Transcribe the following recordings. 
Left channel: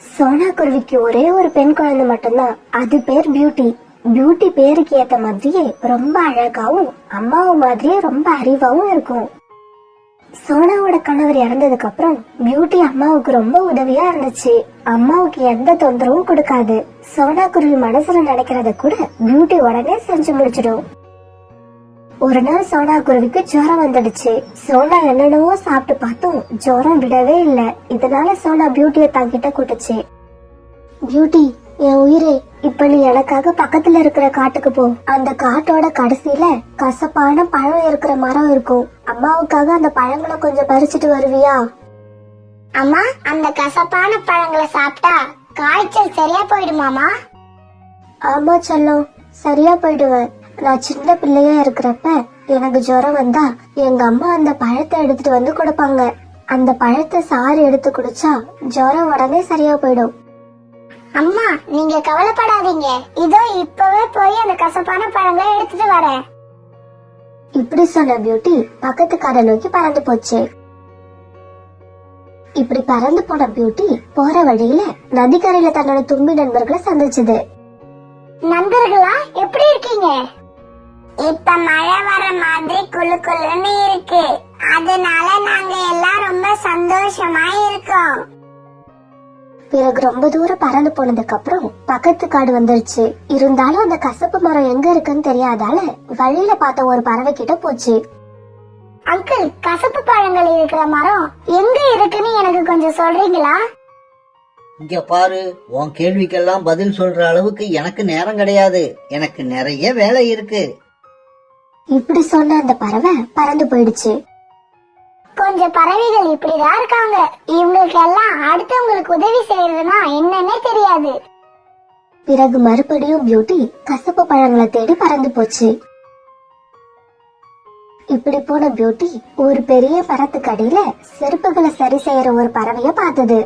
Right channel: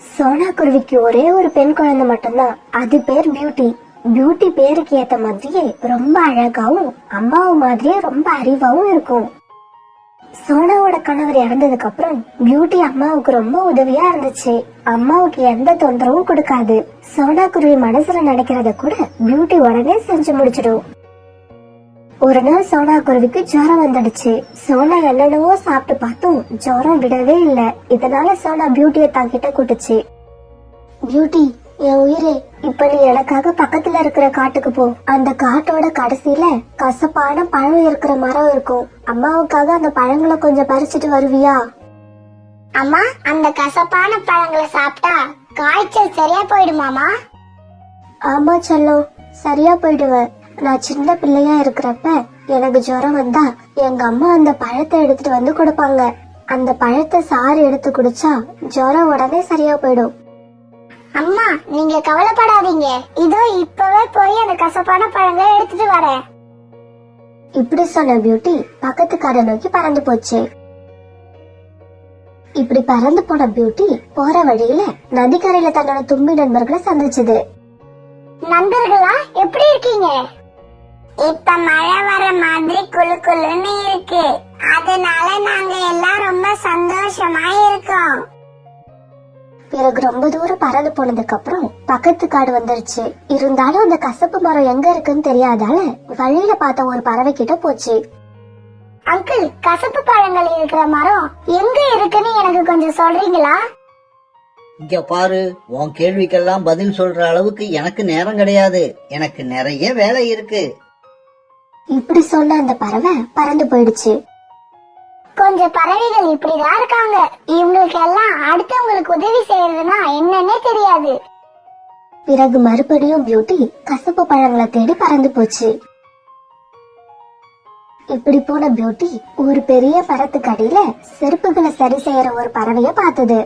சோனா குருவிக்கு ஒரே ஒரு பெண் குழந்தை மட்டும்தான். அது பேர் பியூட்டி. பியூட்டி பேருக்கு ஏத்த மாதிரியே ரொம்ப அழகாவும் அம்மாவும் மாதிரியே ரொம்ப அறிவாவும் இருக்கும். சோனாவோட கணவர் இறந்ததுக்கு அப்புறம் பியூட்டி அம்மாவுக்கு ரொம்ப உதவியா இருந்துச்சு. அம்மாவுக்கு எந்த தொந்தரவும் கொடுக்காது. சோனா குருவி மனசுல நினைக்கிறத கூட பியூட்டி உடனே செஞ்சு முடிச்சிடும். ஒரு நாள் சோனா குருவிக்கு ஜுரம் வந்துடுச்சு. சோனா என்னென்னவோ சாப்பிட்டு பார்த்தும் ஜுரம் விடவே இல்ல. இதனால சோனா பியூட்டிய தாங்கிட்ட கூட்டுச்சு. பியூட்டி, என் உயிரே, இப்ப நீ எனக்காக பக்கத்துல இருக்கிற காட்டுக்கு போ. அந்த காட்டோட கடைசியில கசப்பான பழம் இருக்கிற மரம் இருக்கும். அம்மாவுக்காக அந்த பழங்களை கொஞ்சம் பறிச்சுட்டு வருவியா? அம்மா, அந்த கசப்பான பழங்களை சாப்பிட்டா காய்ச்சல் சரியா போயிடுமாமா? ஆமா செல்லம், சரியா போயிடுவேன். நான் சின்ன பிள்ளையா இருக்கிறப்ப எனக்கு ஜுரம் வந்தா எங்க அம்மா அந்த பழத்தை எடுத்துட்டு வந்து கொடுப்பாங்க. அந்த பழத்தை சாறு எடுத்து குடிச்சா ஜுரம் உடனே சரியா போயிடும். அம்மா, நீங்க கவலைப்படாதீங்க. இதோ இப்பவே போய் அந்த கசப்பான பழங்களை எடுத்துட்டு வரேன். இப்படி சொன்ன பியூட்டி பக்கத்து காடை நோக்கி பறந்து போச்சு. இப்படி பறந்து போன பியூட்டி போற வழியில நதிக்கரையில தன்னோட தும்பி நண்பர்களை சந்திச்சது. நண்பர்களா, எப்படி இருக்கீங்க? இப்ப மழை வர மாதிரி குளு குளுன்னு இருக்கு. அதனால நாங்க எல்லாம் ரொம்ப சந்தோஷமா இருக்கோம். பிறகு ரொம்ப தூரம் பறந்து போனதுக்கு அப்புறம் பக்கத்து காடு வந்துருச்சு. இருந்தாலும் அந்த கசப்பு மரம் எங்க இருக்குன்னு தெரியாதால வழியில பார்த்த ஒரு பறவை கிட்ட போச்சு. அங்கிள், கசப்பு பழங்கள் இருக்கிற மரம் எங்க இருக்குன்னு எனக்கு கொஞ்சம் சொல்றீங்களா? இங்க பாரு, உன் கேள்விக்கெல்லாம் பதில் சொல்ற அளவுக்கு எனக்கு நேரம் கிடையாது. எனக்கு நிறைய வேலை இருக்கு. இப்படி சொன்ன அந்த பறவை பறந்து போயிடுச்சு. கொஞ்சம் பறவைகள் இப்படிதான் இருக்காங்க. இவங்களுக்கு எல்லாம் அடுத்தவங்களுக்கு உதவி செய்யறதுன்னா என்னன்னே தெரியாது. பிறகு மறுபடியும் பியூட்டி கசப்பு பழங்களை தேடி பறந்து போச்சு. இப்படி போன பியூட்டி ஒரு பெரிய மரத்துக்கு அடியில செருப்புகளை சரி செய்யற ஒரு பறவைய பார்த்தது.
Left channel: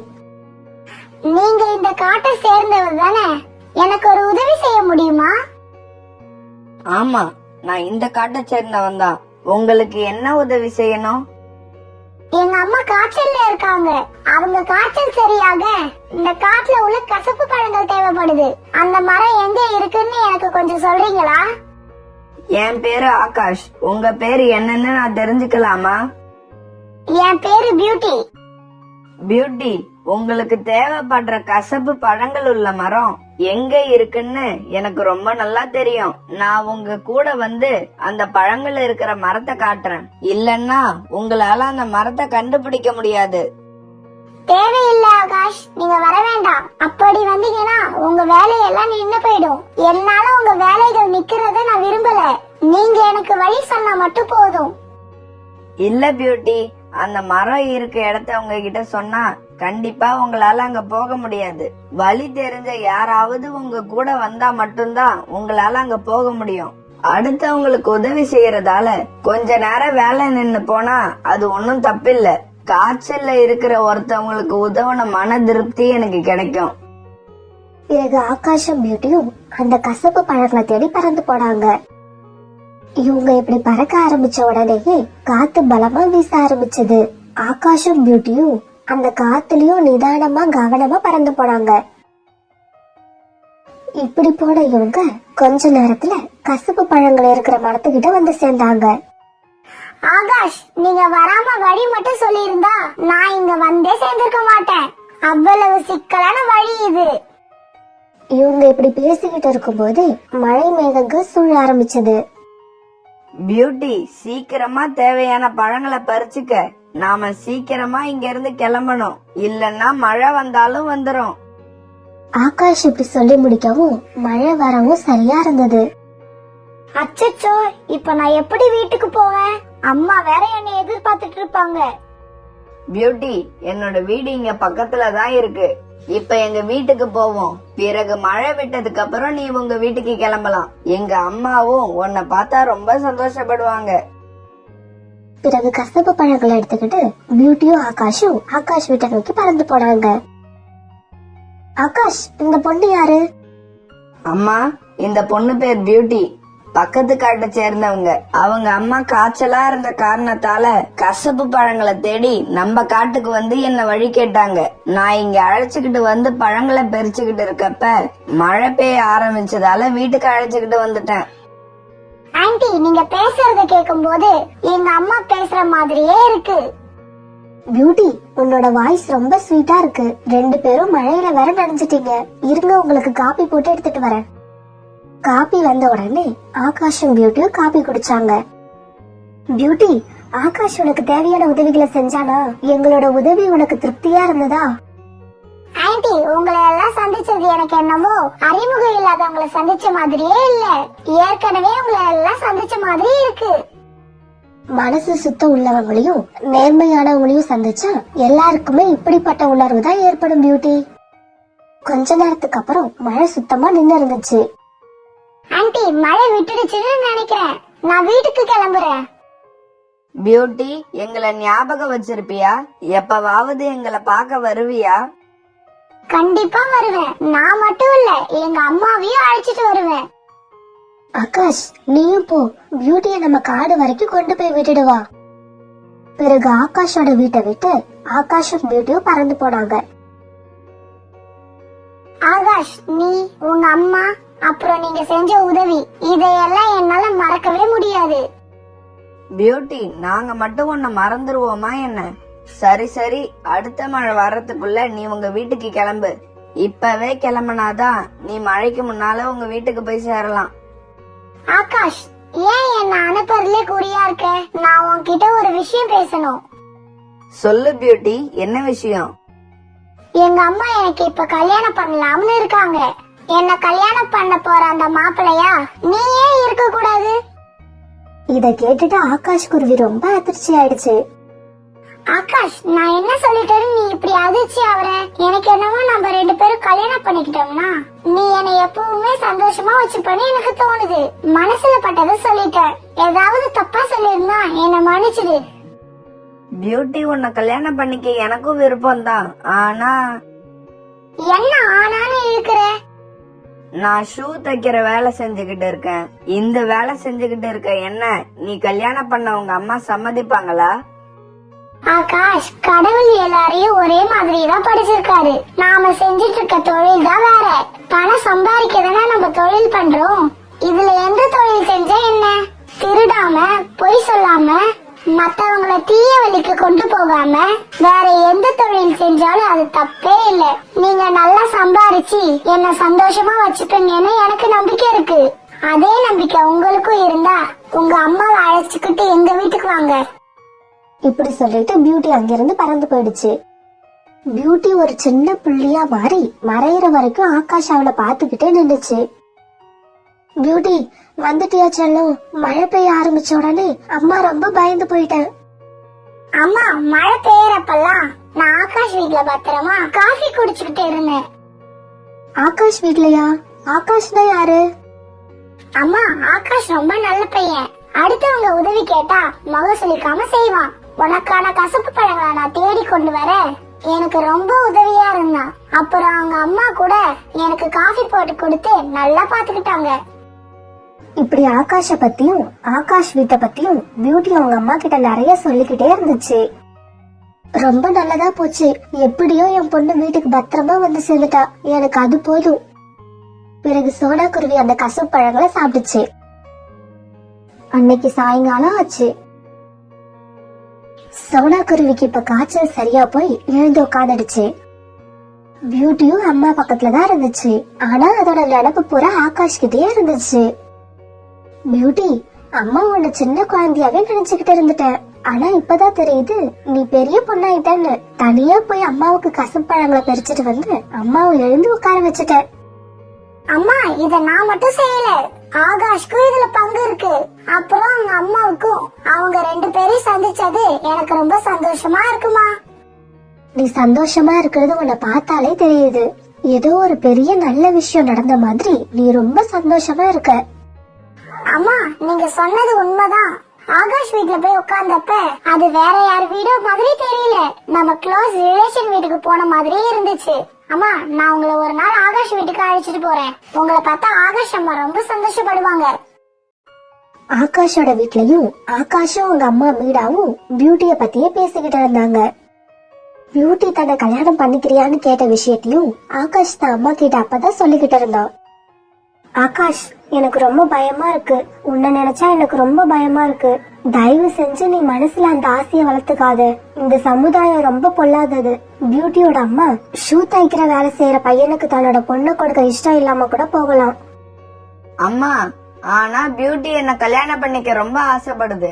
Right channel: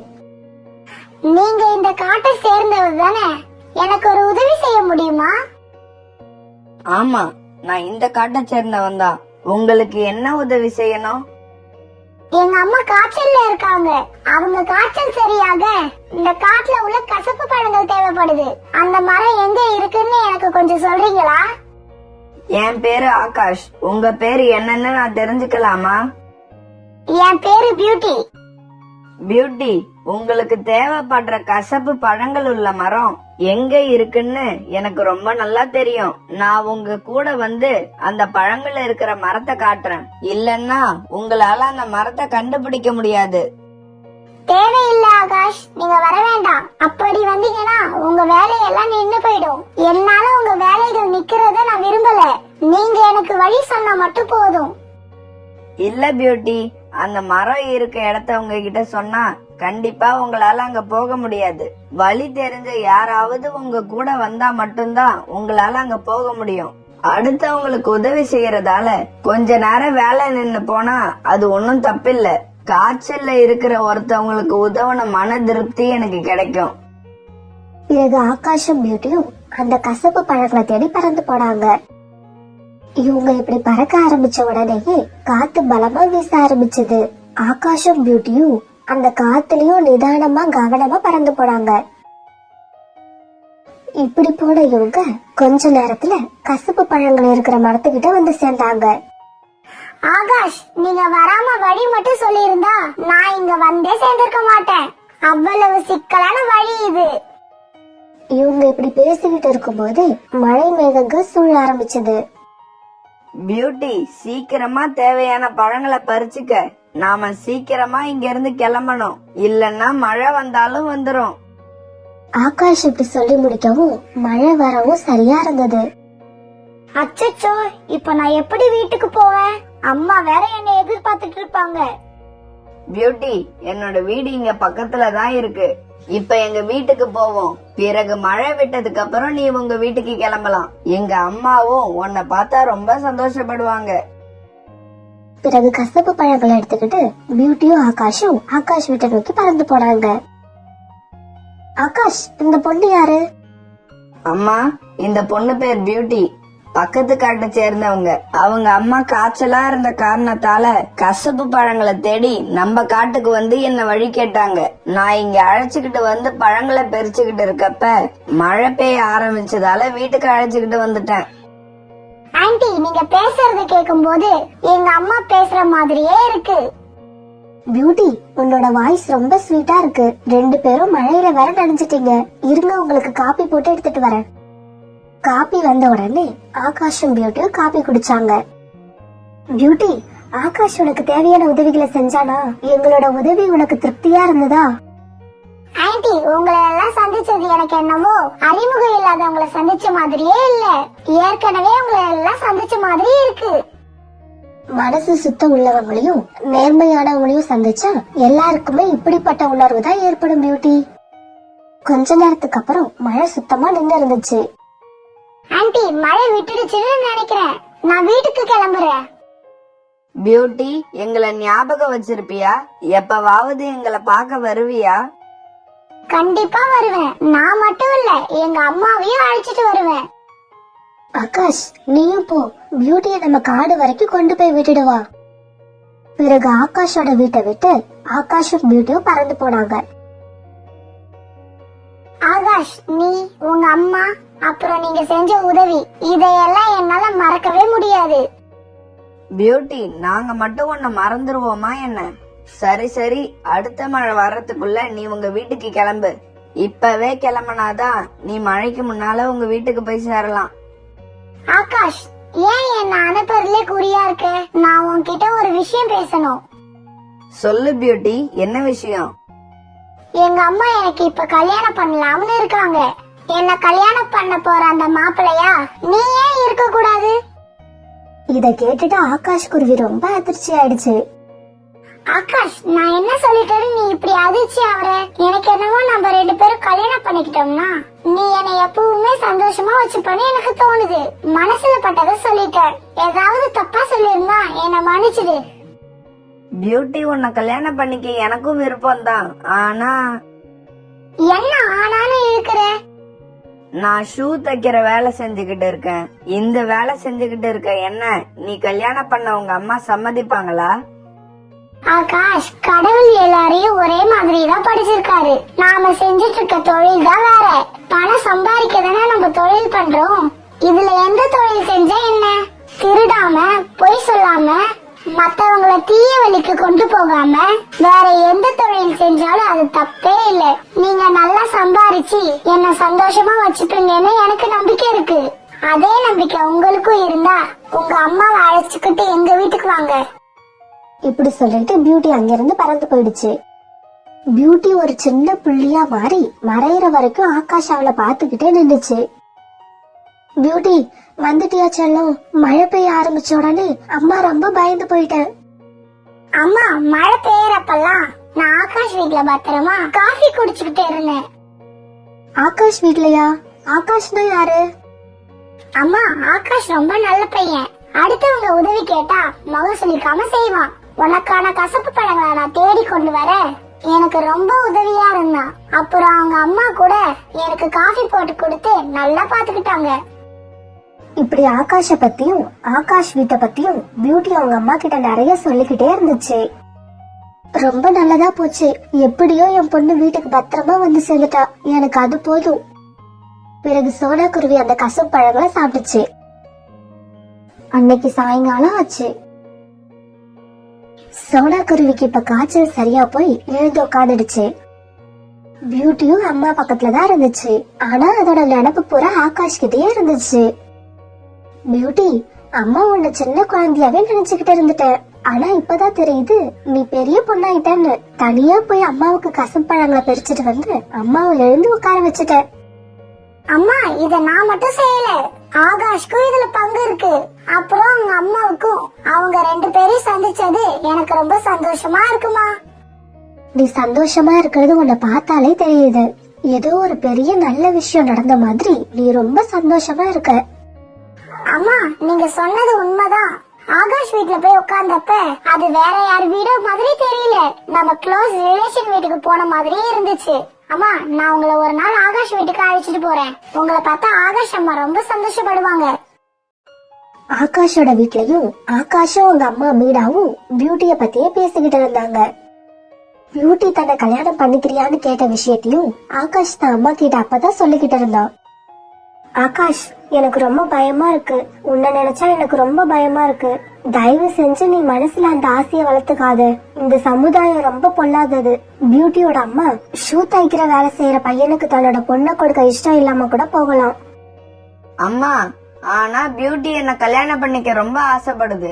நீங்க இந்த காட்டை சேர்ந்தவர் தானே? எனக்கு ஒரு உதவி செய்ய முடியுமா? ஆமா, நான் இந்த காட்டை சேர்ந்தவன் தான். உங்களுக்கு என்ன உதவி செய்யணும்? எங்க அம்மா காய்ச்சல்ல இருக்காங்க. அவங்க காய்ச்சல் சரியாக இந்த காட்டுல உள்ள கசப்பு பழங்கள் தேவைப்படுது. அந்த மரம் எங்க இருக்குன்னு எனக்கு கொஞ்சம் சொல்றீங்களா? என் பேரு ஆகாஷ். உங்க பேரு என்னன்னு நான் தெரிஞ்சுக்கலாமா? என் பேரு பியூட்டி. பியூட்டி, உங்களுக்கு தேவைப்படுற கசப்பு பழங்கள் உள்ள மரம் எங்க இருக்குன்னு எனக்கு ரொம்ப நல்லா தெரியும். நான் உங்க கூட வந்து அந்த பழங்கள் இருக்கிற மரத்தை காட்டுறேன். இல்லன்னா உங்களால அந்த மரத்தை கண்டுபிடிக்க முடியாது. தேவையில்ல ஆகாஷ், நீங்க வர வேண்டாம். அப்படி வந்தீங்கன்னா உங்க வேலையெல்லாம் நின்னு போயிடும். என்னால உங்க வேலைகள் நிக்கிறத நான் விரும்பல. நீங்க எனக்கு வழி சொன்னா மட்டும் போதும். இல்ல பியூட்டி, அந்த மரம் இருக்க இடத்த உங்ககிட்ட சொன்னா கண்டிப்பா உங்களால அங்க போக முடியாது. வழி தெரிஞ்ச யாராவது உங்க கூட வந்தா மட்டும்தான் உங்களால அங்க போக முடியும். அடுத்தவங்களுக்கு உதவி செய்யறதால கொஞ்ச நேரம் வேலை நின்னு போனா அது ஒன்னும் தப்பில்ல. காய்ச்சல்ல இருக்கிற ஒருத்தவங்களுக்கு உதவுன மன திருப்தி எனக்கு கிடைக்கும். பிறகு ஆகாஷும் பியூட்டியும் அந்த கசப்பு பழங்களை தேடி பறந்து போனாங்க. இவங்க இப்படி பறக்க ஆரம்பிச்ச உடனேயே காத்து பலமா வீச ஆரம்பிச்சது. ஆகாஷும் பியூட்டியும் அந்த காத்துலயும் நிதானமா கவனமா பறந்து போனாங்க. இப்படி போன இவங்க கொஞ்ச நேரத்துல கசப்பு பழங்கள் இருக்கிற மரத்துக்கிட்ட வந்து சேர்ந்தாங்க. ஆகாஷ், நீங்க வராம வழி மட்டும் சொல்லியிருந்தா நான் இங்க வந்தே சேர்ந்திருக்க மாட்டேன். அவ்வளவு சிக்கலான வழி இது. இவங்க இப்படி பேசிக்கிட்டு இருக்கும்போது மழை மேகங்கள் சூழ ஆரம்பிச்சது. பியூட்டி, சீக்கிரமா தேவையான பழங்களை பறிச்சுக்க. நாம சீக்கிரமா இங்க இருந்து கிளம்பணும். இல்லன்னா மழை வந்தாலும் வந்துரும். ஆகாஷ் இப்படி சொல்லி முடிக்கவும் மழை வரவும் சரியா இருந்தது. அச்சச்சோ, இப்ப நான் எப்படி வீட்டுக்கு போவேன்? அம்மா வேற என்னை எதிர்பார்த்துட்டு இருப்பாங்க. பியூட்டி, என்னோட வீடு இங்க பக்கத்துல தான் இருக்கு. இப்ப எங்க வீட்டுக்கு போவோம். பிறகு மழை விட்டதுக்கு அப்புறம் நீ உங்க வீட்டுக்கு கிளம்பலாம். எங்க அம்மாவும் உன்னை பார்த்தா ரொம்ப சந்தோஷப்படுவாங்க. பிறகு கசப்பு பழங்களை எடுத்துக்கிட்டு பியூட்டியும் ஆகாஷும் ஆகாஷ் வீட்டை நோக்கி பறந்து போனாங்க. ஆகாஷ், இந்த பொண்ணு யாரு? அம்மா, இந்த பொண்ணு பேர் பியூட்டி. பக்கத்து காட்டை சேர்ந்தவங்க. அவங்க அம்மா காய்ச்சலா இருந்த காரணத்தால கசப்பு பழங்களை தேடி நம்ம காட்டுக்கு வந்து என்ன வழி கேட்டாங்க. நான் இங்க அழைச்சுக்கிட்டு வந்து பழங்களை பறிச்சுக்கிட்டு இருக்கப்ப மழை பெய்ய ஆரம்பிச்சதால வீட்டுக்கு அழைச்சுக்கிட்டு வந்துட்டேன். ஆன்ட்டி, நீங்க பேசுறத கேட்கும் போது எங்க அம்மா பேசுற மாதிரியே இருக்கு. பியூட்டி, உன்னோட வாய்ஸ் ரொம்ப ஸ்வீட்டா இருக்கு. 2 பேரும் மழையில வேற நனைஞ்சிட்டீங்க. இருங்க, உங்களுக்கு காபி போட்டு எடுத்துட்டு வரேன். காபி வந்த உடனே ஆகாஷும் பியூட்டியும் காபி குடிச்சாங்க. பியூட்டி, ஆகாஷ் உனக்கு தேவையான உதவிகளை செஞ்சானா? எங்களோட உதவி உனக்கு திருப்தியா இருந்ததா? ஆன்ட்டி, உங்களை எல்லாம் சந்திச்சது எனக்கு என்னமோ அறிமுகம் இல்லாதவங்களை சந்திச்ச மாதிரியே இல்ல, ஏற்கனவே உங்களை எல்லாம் சந்திச்ச மாதிரி இருக்கு. மனசு சுத்தம் உள்ளவங்களையும் நேர்மையானவங்களையும் சந்திச்சா எல்லாருக்குமே இப்படிப்பட்ட உணர்வு தான் ஏற்படும் பியூட்டி. கொஞ்ச நேரத்துக்கு அப்புறம் மழை சுத்தமா நின்று இருந்துச்சு. ஆன்ட்டி, மழை விட்டுடுச்சுன்னு நினைக்கிறேன். நான் வீட்டுக்கு கிளம்புறேன். பியூட்டி, எங்களை ஞாபகம் வச்சிருப்பியா? எப்பவாவது எங்களை பார்க்க வருவியா? கண்டிப்பா வருவேன். நான் மட்டும் இல்ல, எங்க அம்மாவையும் அழைச்சிட்டு வருவேன். ஆகாஷ், நீயும் போ. பியூட்டிய நம்ம காடு வரைக்கும் கொண்டு போய் விட்டுடுவா. பிறகு ஆகாஷோட வீட்டை விட்டு ஆகாஷும் பியூட்டியும் பறந்து போனாங்க. ஆகாஷ், நீ, உங்க அம்மா, அப்புறம் நீங்க செஞ்ச உதவி, இதையெல்லாம் என்னால மறக்கவே முடியாது. பியூட்டி, நாங்க மட்டும் உன்னை மறந்துருவோமா என்ன? சரி சரி, அடுத்த மழை வர்றதுக்குள்ள நீ உங்க வீட்டுக்கு கிளம்பு. இப்பவே கிளம்புனாதான் நீ மழைக்கு முன்னால உங்க வீட்டுக்கு போய் சேரலாம். ஆகாஷ், ஏன் என்ன அனுப்புறதுலே குறியா இருக்க? நான் உன்கிட்ட ஒரு விஷயம் பேசணும். சொல்லு பியூட்டி, என்ன விஷயம்? எங்க அம்மா எனக்கு இப்ப கல்யாணம் பண்ணலாம்னு இருக்காங்க. என்ன கல்யாணம் பண்ண போற அந்த மாப்பிள்ளையா நீ ஏன் இருக்க கூடாது? இத கேட்டுட்டு ஆகாஷ் குருவி ரொம்ப அதிர்ச்சி ஆயிடுச்சு. ஆகாஷ், நான் என்ன சொல்லிட்டேன்னு நீ இப்படி அதிர்ச்சி ஆவற? எனக்கு என்னவோ நம்ம 2 பேரும் கல்யாணம் பண்ணிக்கிட்டோம்னா நீ என்னை எப்பவுமே சந்தோஷமா வச்சுப்பன்னு எனக்கு தோணுது. மனசுல பட்டதை சொல்லிட்டேன். ஏதாவது தப்பா சொல்லிருந்தா என்ன மன்னிச்சிடு. பியூட்டி, உன்னை கல்யாணம் பண்ணிக்க எனக்கும் விருப்பம் தான். ஆனா என்ன ஆனான்னு இருக்கிற? நான் ஷூ தைக்கிற வேலை செஞ்சுக்கிட்டு இருக்கேன். இந்த வேலை செஞ்சுக்கிட்டு இருக்க என்ன நீ கல்யாணம் பண்ண உங்க அம்மா சம்மதிப்பாங்களா? ஆகாஷ், கடவுள் எல்லாரையும் ஒரே மாதிரி தான் படிச்சிருக்காரு. நாம செஞ்சிட்டு இருக்க தொழில் தான் வேற. பணம் சம்பாதிக்கதானே நம்ம தொழில் பண்றோம். இதுல எந்த தொழில் செஞ்சா என்ன? திருடாம, பொய் சொல்லாம, மத்தவங்கள தீய வழிக்கு கொண்டு போகாம வேற எந்த தொழில் செஞ்சாலும் அது தப்பே இல்ல. நீங்க நல்லா சம்பாரிச்சு என்ன சந்தோஷமா வச்சுப்பீங்கன்னு எனக்கு நம்பிக்கை இருக்கு. அதே நம்பிக்கை உங்களுக்கும் இருந்தா உங்க அம்மாவை அழைச்சுக்கிட்டு எங்க வீட்டுக்கு வாங்க. இப்படி சொல்லிட்டு பியூட்டி அங்கிருந்து பறந்து போயிடுச்சு. பியூட்டி ஒரு சின்ன புள்ளியா மாறி மறையிற வரைக்கும் ஆகாஷ் அவளை பாத்துக்கிட்டே நின்னுச்சு. பியூட்டி, வந்துட்டியா செல்லம்? மழை பெய்ய ஆரம்பிச்ச உடனே அம்மா ரொம்ப பயந்து போயிட்டேன். அம்மா, மழை பெய்யறப்பெல்லாம் நான் ஆகாஷ் வீட்ல பத்திரமா காஃபி குடிச்சுக்கிட்டு இருந்தேன். ஆகாஷ் வீட்லயா? ஆகாஷ்னா யாரு? அம்மா, ஆகாஷ் ரொம்ப நல்ல பையன். அடுத்தவங்க உதவி கேட்டா முகம் சுளிக்காம செய்வான். உனக்கான கசப்பு பழங்களை நான் தேடி கொண்டு வர எனக்கு ரொம்ப உதவியா இருந்தான். அப்புறம் அவங்க அம்மா கூட எனக்கு காஃபி போட்டு கொடுத்து நல்லா பாத்துக்கிட்டாங்க. இப்படி ஆகாஷ பத்தியும் ஆகாஷ் வீட்டை பத்தியும் பியூட்டி அவங்க அம்மா கிட்ட நிறைய சொல்லிக்கிட்டே இருந்துச்சு. ரொம்ப நல்லதா போச்சு. எப்படியோ என் பொண்ணு வீட்டுக்கு பத்திரமா வந்து சேர்ந்துட்டா. எனக்கு அது போதும். பிறகு சோடா குருவி அந்த கசப்பு பழங்களை சாப்பிட்டுச்சு. அன்னைக்கு சாயங்காலம் ஆச்சு. சோடா குருவிக்கு இப்ப காய்ச்சல் சரியா போய் எழுந்து உட்காந்துடுச்சு. பியூட்டியும் அம்மா பக்கத்துலதான் இருந்துச்சு. ஆனா அதோட நடப்பு போற ஆகாஷ் கிட்டே இருந்துச்சு. பியூட்டி, அம்மா உன்னை சின்ன குழந்தையாவே நினைச்சுக்கிட்டு இருந்துட்டேன். ஆனா இப்பதான் தெரியுது நீ பெரிய பொண்ணாயிட்டேன்னு. தனியா போய் அம்மாவுக்கு கசப்பழங்களை பறிச்சுட்டு வந்து அம்மாவை எழுந்து உட்கார வச்சுட்டேன். அம்மா, இத நான் மட்டும் செய்யல, ஆகாஷ்க்கும் இதுல பங்கு இருக்கு. அப்புறம் அவங்க அம்மாவுக்கும். அவங்க 2 பேரையும் சந்திச்சது எனக்கு ரொம்ப சந்தோஷமா இருக்குமா. நீ சந்தோஷமா இருக்கிறது உன்னை பார்த்தாலே தெரியுது. ஏதோ ஒரு பெரிய நல்ல விஷயம் நடந்த மாதிரி நீ ரொம்ப சந்தோஷமா இருக்க. அம்மா, நீங்க சொன்னது உண்மைதான். ஆகாஷ் வீட்ல போய் உட்கார்ந்தப்ப அது வேற யார் வீடோ மாதிரி தெரியல. நம்ம க்ளோஸ் ரிலேஷன் வீட்டுக்கு போன மாதிரி இருந்துச்சு. அம்மா, நான் உங்களை ஒரு நாள் ஆகாஷ் வீட்டுக்கு அழைச்சிட்டு போறேன். உங்களை பார்த்தா ஆகாஷ் அம்மா ரொம்ப சந்தோஷப்படுவாங்க. ஆகாஷோட வீட்லயும் ஆகாஷும் அவங்க அம்மா மீனாவும் பியூட்டிய பத்தியே பேசிக்கிட்டு இருந்தாங்க. பியூட்டி தன்னை கல்யாணம் பண்ணிக்கிறியான்னு கேட்ட விஷயத்தையும் ஆகாஷ் தான் அம்மா கிட்ட அப்பதான் சொல்லிக்கிட்டு இருந்தான். ஆகாஷ், எனக்கு ரொம்ப பயமா இருக்கு. உன்னை நினைச்சா எனக்கு ரொம்ப பயமா இருக்கு. தயவு செஞ்சு நீ மனசுல அந்த ஆசையை வளர்த்துக்காத. இந்த சமுதாயம் ரொம்ப பொல்லாதது. பியூட்டியோட அம்மா ஷூ தைக்கிற வேலை செய்யற பையனுக்கு தன்னோட பொண்ணை கொடுக்க இஷ்டம் இல்லாம கூட போகலாம். அம்மா, ஆனா பியூட்டி என்ன கல்யாணம் பண்ணிக்க ரொம்ப ஆசைப்படுது.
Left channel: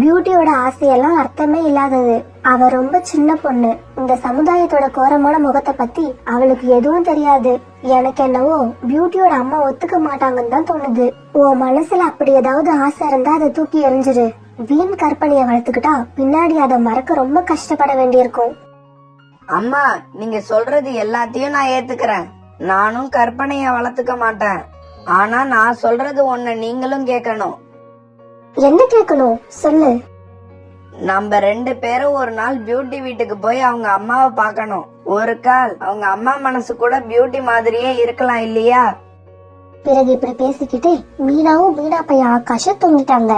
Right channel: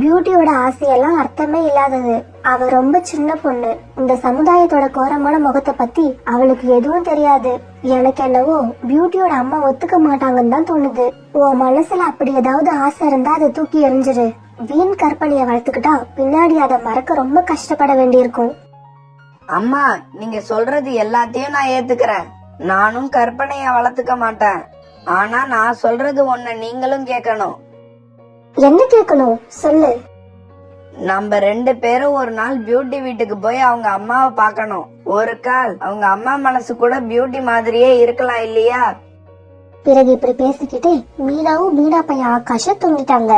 பியூட்டியோட ஆசையெல்லாம் அர்த்தமே இல்லாதது. அவ ரொம்ப சின்ன பொண்ணு. இந்த சமுதாயத்தோட கோரமான முகத்தை பத்தி அவளுக்கு எதுவும் தெரியாது. எனக்கு என்னவோ பியூட்டியோட அம்மா ஒத்துக்க மாட்டாங்கன்னு தான் தோணுது. உன் மனசுல அப்படி ஏதாவது ஆசை இருந்தா அதை தூக்கி எறிஞ்சிரு. வீண் கற்பனைய வளர்த்துக்கிட்டா பின்னாடி அதை மறக்க ரொம்ப கஷ்டப்பட வேண்டியிருக்கும். அம்மா, நீங்க சொல்றது எல்லாத்தையும் நான் ஏத்துக்கிறேன். நானும் கற்பனைய வளர்த்துக்க மாட்டேன். ஆனா நான் சொல்றது ஒண்ணு நீங்களும் கேட்கணும். என்ன கேட்கணும் சொல்லு. நம்ம 2 பேரும் ஒரு நாள் பியூட்டி வீட்டுக்கு போய் அவங்க அம்மாவை பார்க்கணும். ஒரு கால் அவங்க அம்மா மனசு கூட பியூட்டி மாதிரியே இருக்கலாம் இல்லையா? பிறகு இப்படி பேசிக்கிட்டே மீனாவும் மீனா பையன் ஆகாஷும் தூங்கிட்டாங்க.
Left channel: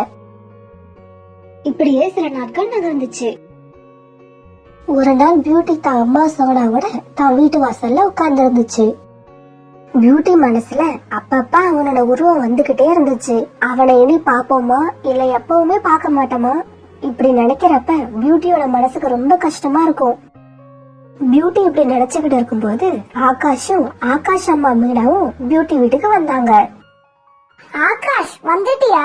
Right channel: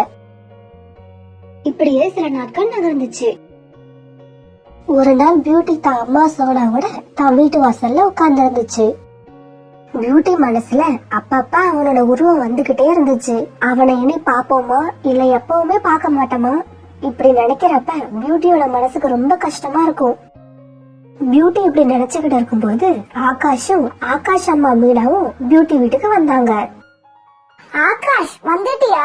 இப்படியே சில நாட்கள் நகர்ந்துச்சு. ஒரு நாள் பியூட்டி தான் அம்மா சோனாவோட தான் வீட்டு வாசல்ல உட்கார்ந்து இருந்துச்சு. பியூட்டி மனசுல அப்பப்ப அவனோட உருவம் வந்துகிட்டே இருந்துச்சு. அவனை இனி பாப்போமா இல்ல எப்பவுமே பார்க்க மாட்டோமா இப்படி நினைக்கிறப்ப பியூட்டியோட மனசுக்கு ரொம்ப கஷ்டமா இருக்கும். பியூட்டி இப்படி நினைச்சுக்கிட்டு இருக்கும்போது ஆகாஷும் ஆகாஷ் அம்மா மீனாவும் பியூட்டி வீட்டுக்கு வந்தாங்க. ஆகாஷ், வந்துட்டியா?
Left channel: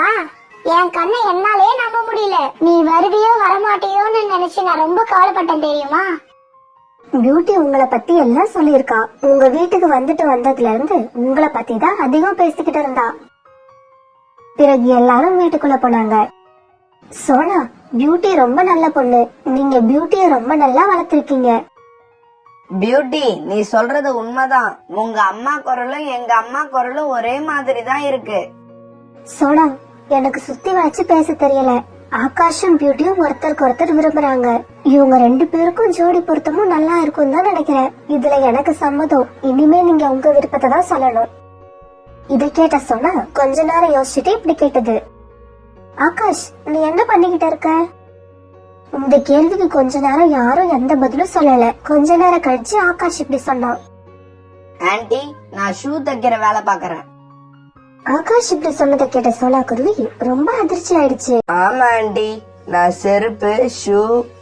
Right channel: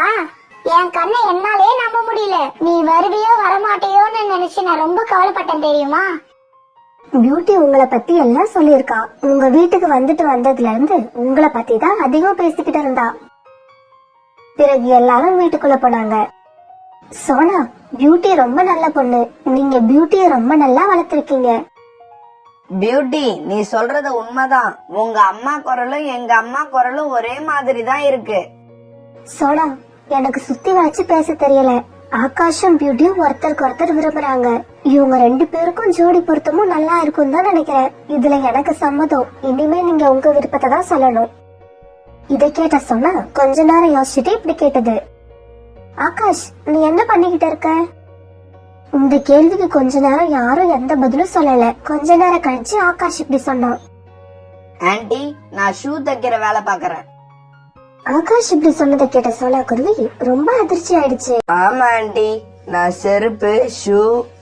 என் கண்ணை என்னாலே நம்ப முடியல. நீ வருவியோ வரமாட்டியோன்னு நினைச்சு நான் ரொம்ப கவலைப்பட்டேன் தெரியுமா? பியூட்டி உங்களை பத்தி எல்லாம் சொல்லியிருக்கா. உங்க வீட்டுக்கு வந்துட்டு வந்ததுல இருந்து உங்களை பத்தி தான் அதிகம் பேசிக்கிட்டு இருந்தா. பிறகு எல்லாரும் வீட்டுக்குள்ள போனாங்க. சோனா, பியூட்டி ரொம்ப நல்ல பொண்ணு. நீங்க பியூட்டிய ரொம்ப நல்லா வளர்த்திருக்கீங்க. பியூட்டி, நீ சொல்றது உண்மைதான். உங்க அம்மா குரலும் எங்க அம்மா குரலும் ஒரே மாதிரி தான் இருக்கு. சோனா, எனக்கு சுத்தி வளைச்சு பேச தெரியல. ஆகாஷும் பியூட்டியும் ஒருத்தருக்கு ஒருத்தர் விரும்புறாங்க. இவங்க 2 பேருக்கும் ஜோடி பொருத்தமும் நல்லா இருக்கும் தான் நினைக்கிறேன். இதுல எனக்கு சம்மதம். இனிமே நீங்க உங்க விருப்பத்தை தான் சொல்லணும். இதை கேட்ட சொன்னா கொஞ்ச நேரம் யோசிச்சுட்டு இப்படி கேட்டது. ஆகாஷ், நீ என்ன பண்ணிக்கிட்டு இருக்க? இந்த கேள்விக்கு கொஞ்ச நேரம் யாரும் எந்த பதிலும் சொல்லல. கொஞ்ச நேரம் கழிச்சு ஆகாஷ் இப்படி சொன்னான். ஆன்ட்டி, நான் ஷூ தைக்கிற வேலை பாக்குறேன். ஆகாஷ் இப்படி சொன்னதை கேட்ட சோனா குருவி ரொம்ப அதிர்ச்சி ஆயிடுச்சு. ஆமா ஆன்ட்டி, நான் செருப்பு, ஷூ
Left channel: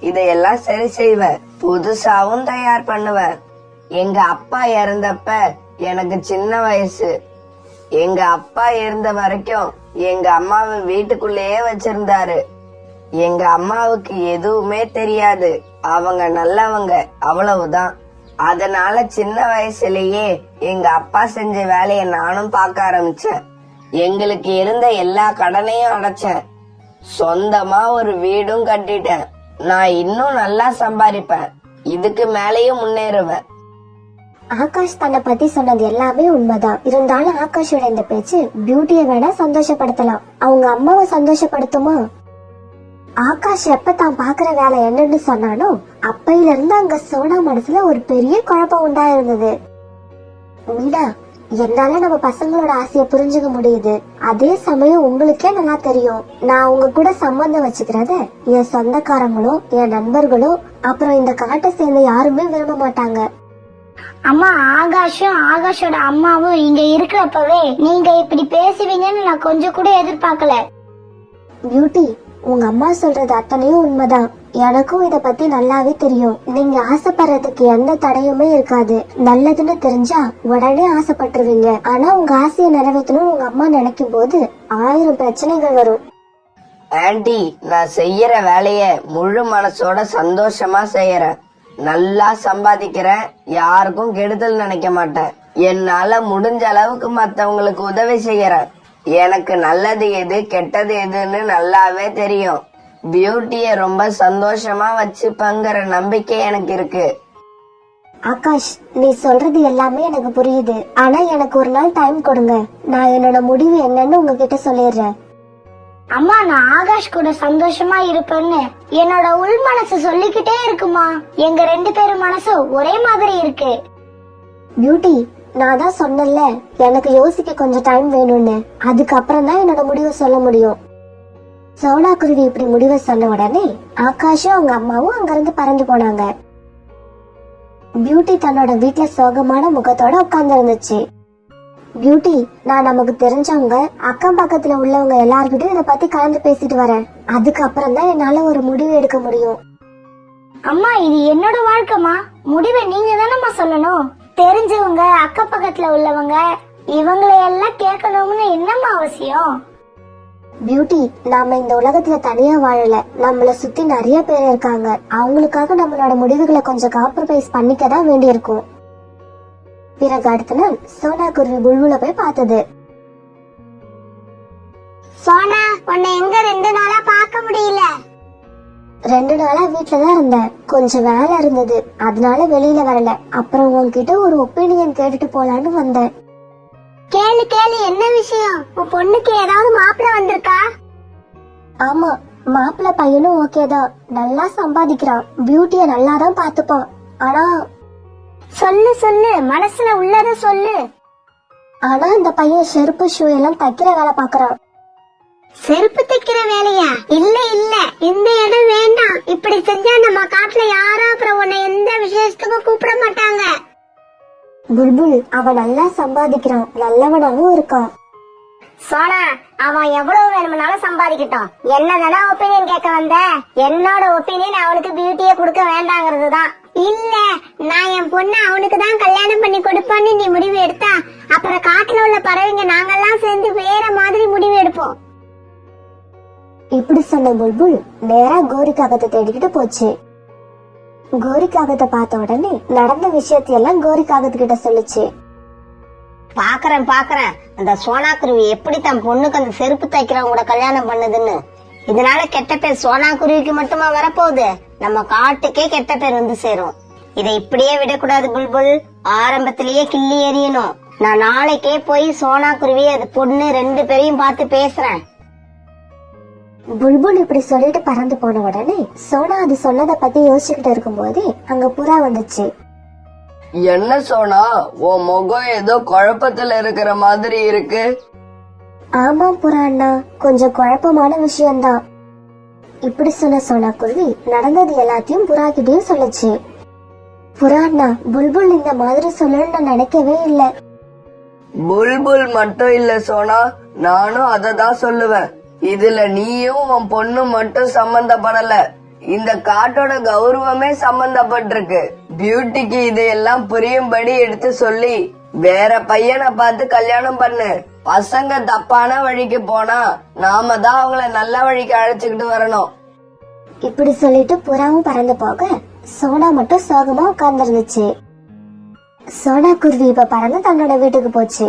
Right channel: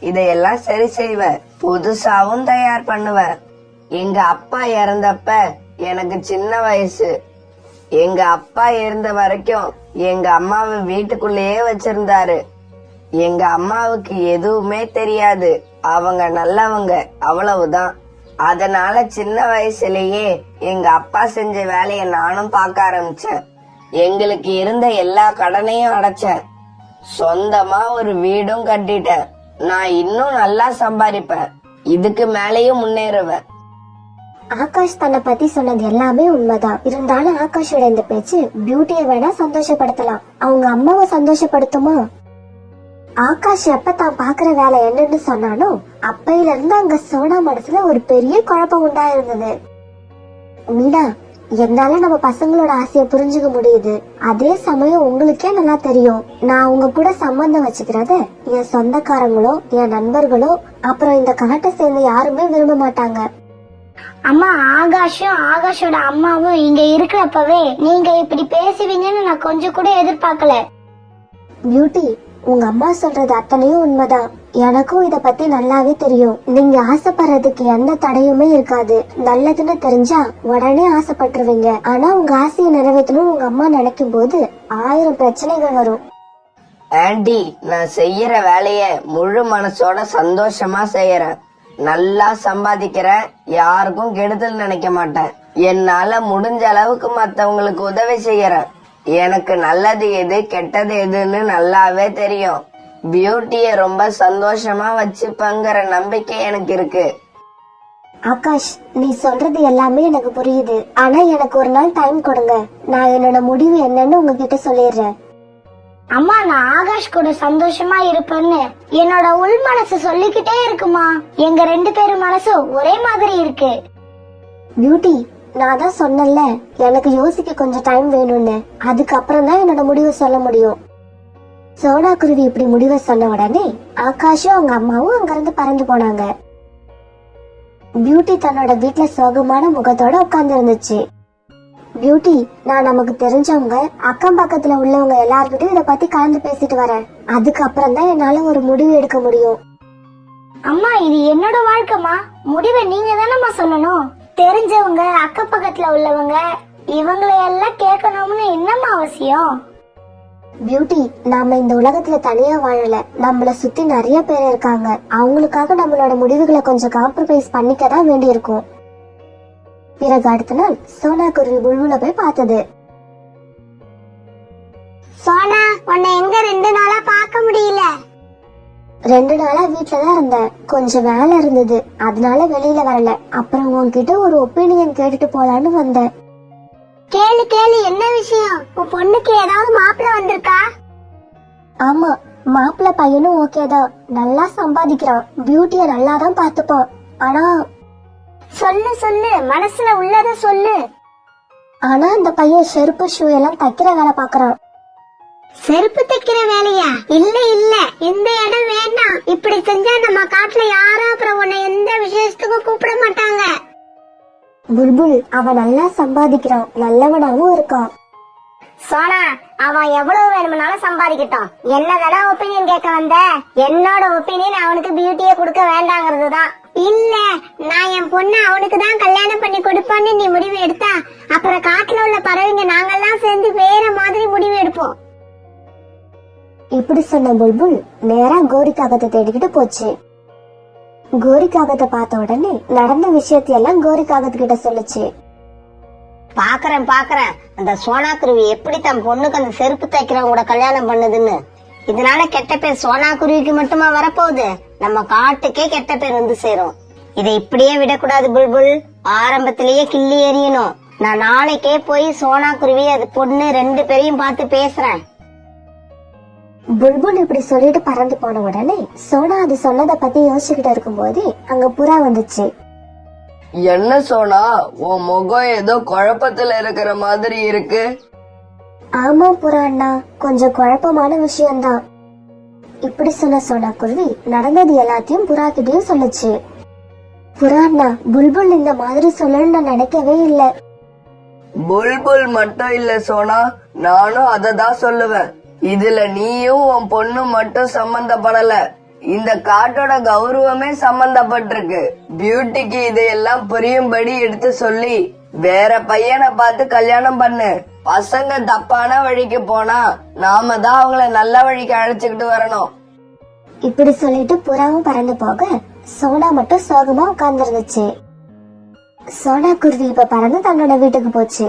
இதையெல்லாம் சரி செய்வேன். புதுசாவும் தயார் பண்ணுவேன். எங்க அப்பா இறந்தப்ப எனக்கு சின்ன வயசு. எங்க அப்பா இருந்த வரைக்கும் எங்க அம்மாவை வீட்டுக்குள்ளேயே வச்சிருந்தாரு. எங்க அம்மாவுக்கு எதுவுமே தெரியாது. அவங்க நல்லவங்க, அவ்வளவுதான். அதனால சின்ன வயசுலயே எங்க அப்பா செஞ்ச வேலைய நானும் பார்க்க ஆரம்பிச்சேன். எங்களுக்கு இருந்த எல்லா கடனையும் அடைச்சேன். சொந்தமா ஒரு வீடும் கட்டிட்டேன். நான் இன்னும் நல்லா சம்பாதிப்பேன். இதுக்கு மேலேயும் முன்னேறுவேன். ஆகாஷ் தன்னை பத்தி சொன்னது எல்லாமே உண்மைதான். இருந்தாலும் ஆகாஷோட இந்த பேச்சு பியூட்டியை வேணா சந்தோஷப்படுத்தலாம், அவங்க அம்மாவை சந்தோஷப்படுத்துமா? ஆகாஷ் எப்ப தான் பாக்குற வேலை என்னன்னு சொன்னானோ அப்பையில இருந்து அங்க சோனா மனசுல ஒரு பெரிய குழப்பம் உண்டாயிருந்தது. மீனா, என்னால நம்ம பசங்களோட ஆசைய புரிஞ்சுக்க முடியுது. அதே சமயம் உங்களுக்கே நல்லா தெரியும், நான் உங்க கூட சம்பந்தம் வச்சுக்கிறத என் சொந்தக்காரங்களோ என் நண்பர்களோ அப்புறம் இந்த காட்டை சேர்ந்த யாருமே விரும்ப மாட்டாங்க. அம்மா, ஆகாஷும் ஆகாஷோட அம்மாவும் இங்க இருக்கிறப்பவே நீங்க இப்படி பேசுவீங்கன்னு நான் கொஞ்சம் கூட எதிர்பார்க்கல. பியூட்டி, உங்க அம்மா சொல்றது அத்தனையும் உண்மைதான். எனக்கும் இத பத்தி நல்லாவே தெரியும். நீங்க ஆசைப்படுறதுக்கு எந்த தடையுமே இருக்காது. நல்லதுன்னு தெரிஞ்சா உடனே ஆசைப்பட்டுருவீங்க. ஆனா உங்க ஆசையை நிறைவேற்றணும் உங்க அம்மா நினைக்கும் போது 1000 பிரச்சனைகள் வரும். ஆன்ட்டி, நான் செய்யற வேலைய முழு மனசோட சந்தோஷமா செய்யறேன். நல்லா சம்பாதிக்கிறேன். யாருக்கும் கெடுதல் நினைக்க மாட்டேன். என்னால முடிஞ்ச அளவுக்கு மத்தவங்களுக்கு உதவி செய்யறேன். எனக்கு நல்லது எது கெட்டது எதுன்னு நல்லாவே தெரியும். பியூட்டிய ரொம்ப சந்தோஷமா வச்சுப்பங்கிற நம்பிக்கை எனக்கு இருக்கு. ஆகாஷ், நீ சொல்றது எல்லாமே எனக்கு புரியுது. ஆனா எனக்கு ஒரு நாள் டைம் கொடுங்க. நான் என்னோட முடிவு என்னன்னு உங்ககிட்ட சொல்லிடுறேன். அம்மா, நான் ஆகாஷ் கூட சந்தோஷமா இருப்பேன்னு என்னோட உள் மனசு சொல்லிக்கிட்டே இருக்குமா. எங்க 2 பேரும் மனசும் ஒரே மாதிரி இருக்கு. பியூட்டி, நான் தான் சொன்னேன்ல எனக்கு யோசிக்க கொஞ்சம் டைம் வேணும்னு. அதுக்கப்புறம் தான் என்னோட முடிவு சொல்ல முடியும். சோனா குருவி இப்படி முடிவை சொன்ன உடனே ஆகாஷும் அவங்க அம்மாவும் அங்கிருந்து பறந்து போனாங்க. பியூட்டி தன்னோட வீட்டுல சோகமான முகத்தோட உட்கார்ந்து இருந்துச்சு. பியூட்டி, நான் நமக்கு தெரிஞ்சவங்க அக்கம் பக்கத்துல உள்ளவங்க எல்லார்கிட்டயும் இத பத்தி கலந்து பேசிட்டு வரேன். அதுக்கப்புறம் தான் என்னால ஒரு முடிவு எடுக்க முடியும். அம்மா, இது என்னோட வாழ்க்கைமா, முடிவை நீங்க தானம்மா சொல்லணும். தெரிஞ்சவங்க அக்கம் பக்கத்துல உள்ளவங்க இவங்களை எல்லாம் கேட்கணும்னு என்னம்மா அவசியம்? பியூட்டி, நாம இந்த உலகத்துல தனியா வாழல. நம்மள சுத்தி நிறைய பேர் இருக்காங்க. அவங்களுக்காக நம்மளோட முடிவுகளை கொஞ்சம் காம்ப்ரமைஸ் பண்ணிக்கதான் வேண்டி இருக்கும். பிறகு அடுத்த நாள் சோனா குருவி புல்புல போய் பார்த்தது. சோனா, உன்னை எங்க 2 நாளா பார்க்க முடியல? 2 நாளா வீட்டுலதான் இருந்தேன். கொஞ்சம் வேலை இருந்தது, அதனால வெளியில வரல. அப்புறம் உன்கிட்ட ஒரு ஒப்பீனியன் கேட்டுட்டு போலான்னு வந்தேன். கேளு கேளு, என்ன விஷயம்? உன் பொண்ணுக்கு ஏதாவது மாப்பிள்ளை வந்திருக்கா? ஆமா, மாப்பிள்ள பையனும் ஓகேதான். நல்லா சம்பாதிக்கிறான். பியூட்டிய நல்லாதான் பாத்துப்பான். ஆனா சொல்லு சொல்லு, மனசுல உள்ளத சொல்லு. ஆனா அந்த பையன் செருப்பு ஷூ எல்லாம் தைக்கிற வேலை பாக்குறான். செருப்பு தைக்கிற வேலையா? இல்ல இல்ல, இந்த இடம் வேண்டாம். இப்படி செஞ்சா நம்ம காட்டுல யாரும் அப்புறம் உன்னை எந்த விசேஷத்துக்கும் கூப்பிட மாட்டாங்க. புல்புல், அவன் நல்லா சம்பாதிக்கிறான், நல்லவனாவும் இருக்கான். சோனா, அவன் எவ்வளவு வேணும்னாலும் சம்பாதிக்கட்டும். என்னதானே ஒப்பீனியன் கேட்க வந்த? என்னோட ஒப்பீனியன் அவனுக்கு பியூட்டியை கொடுக்க வேண்டாங்கிறது தான். இல்ல, நான் என் பொண்ணு அவனுக்கு தான் கல்யாணம் பண்ணி கொடுப்பேன்னு நீ முடிவு எடுத்தா அப்புறம் காட்டுல உள்ள பறவைங்க நாங்கெல்லாம் சேர்ந்து வேற மாதிரி முடிவு எடுப்போம். இப்படி சொன்ன புல்புல் நேரா கோரி காகத்தை தேடிக்கிட்டு போச்சு. கோரி காகத்தை பார்த்த உடனே நடந்த விஷயத்தையெல்லாம் கோரி காகத்துக்கிட்ட சொல்லுச்சு. பாக்குறேன் அந்த சோனா குருவி எப்படி தன் பொண்ணுக்கு அந்த செருப்பு தைக்கிறவங்க கூட கல்யாணம் பண்ணுதுன்னு. இதனால கெட்ட பேர் சோனா குருவிக்கு மட்டுமா வரப்போகுது, நம்ம காட்டுக்கே கெட்ட பேர் வந்து சேரும். இதை இப்படியே விடக்கூடாது புல்புல், ஆரம்பத்திலேயே கிள்ளி எறியணும். நான் நாளைக்கே போய் சோனா குருவி அது பொண்ணு 2 பேரையும் பார்த்து பேசுறேன். புல்புல் இப்படி சொல்லிட்டு பறந்து போன உடனே சோனா அது சொன்னதை பத்தி யோசிச்சுக்கிட்டு இருக்கும் போதே அங்க புறா வந்துச்சு. என்ன சோனா, உன் முகம் ஏதோ குழப்பத்துல இருக்கிற மாதிரி இருக்கு. ஆமா புறா அண்ணா, கொஞ்சம் குழப்பமான விஷயம்தான். இப்படி சொன்ன சோனா குருவி நடந்தது எல்லாத்தையும் புறா கிட்டயும் சொல்லுச்சு. புறா அண்ணா, புல்புல் இந்த மாதிரி சொல்லணும்னு நான் நினைக்கவே இல்ல. புல்புல் மட்டும் இல்ல சோனா, நானும் அததான் சொல்லுவேன். இதுல நீயும் உன் பொண்ணு மட்டும் சம்பந்தப்படல, இந்த காட்டோட கௌரவமே சம்பந்தப்பட்டிருக்கு. பியூட்டிக்கு இதையெல்லாம் புரியும்படி எடுத்து சொல்லி வேற பையனை பார்த்து கல்யாணம் பண்ணு. பசங்க தப்பான வழிக்கு போனா நாம தான் அவங்கள நல்ல வழிக்கு அழைச்சுக்கிட்டு வரணும். இப்படி சொல்லிட்டு புறாவும் பறந்து போக சோனா மட்டும் சோகமா உட்கார்ந்து இருந்துச்சு. சோனா குருவி இப்ப பறந்து தன்னோட வீட்டுக்கு போச்சு.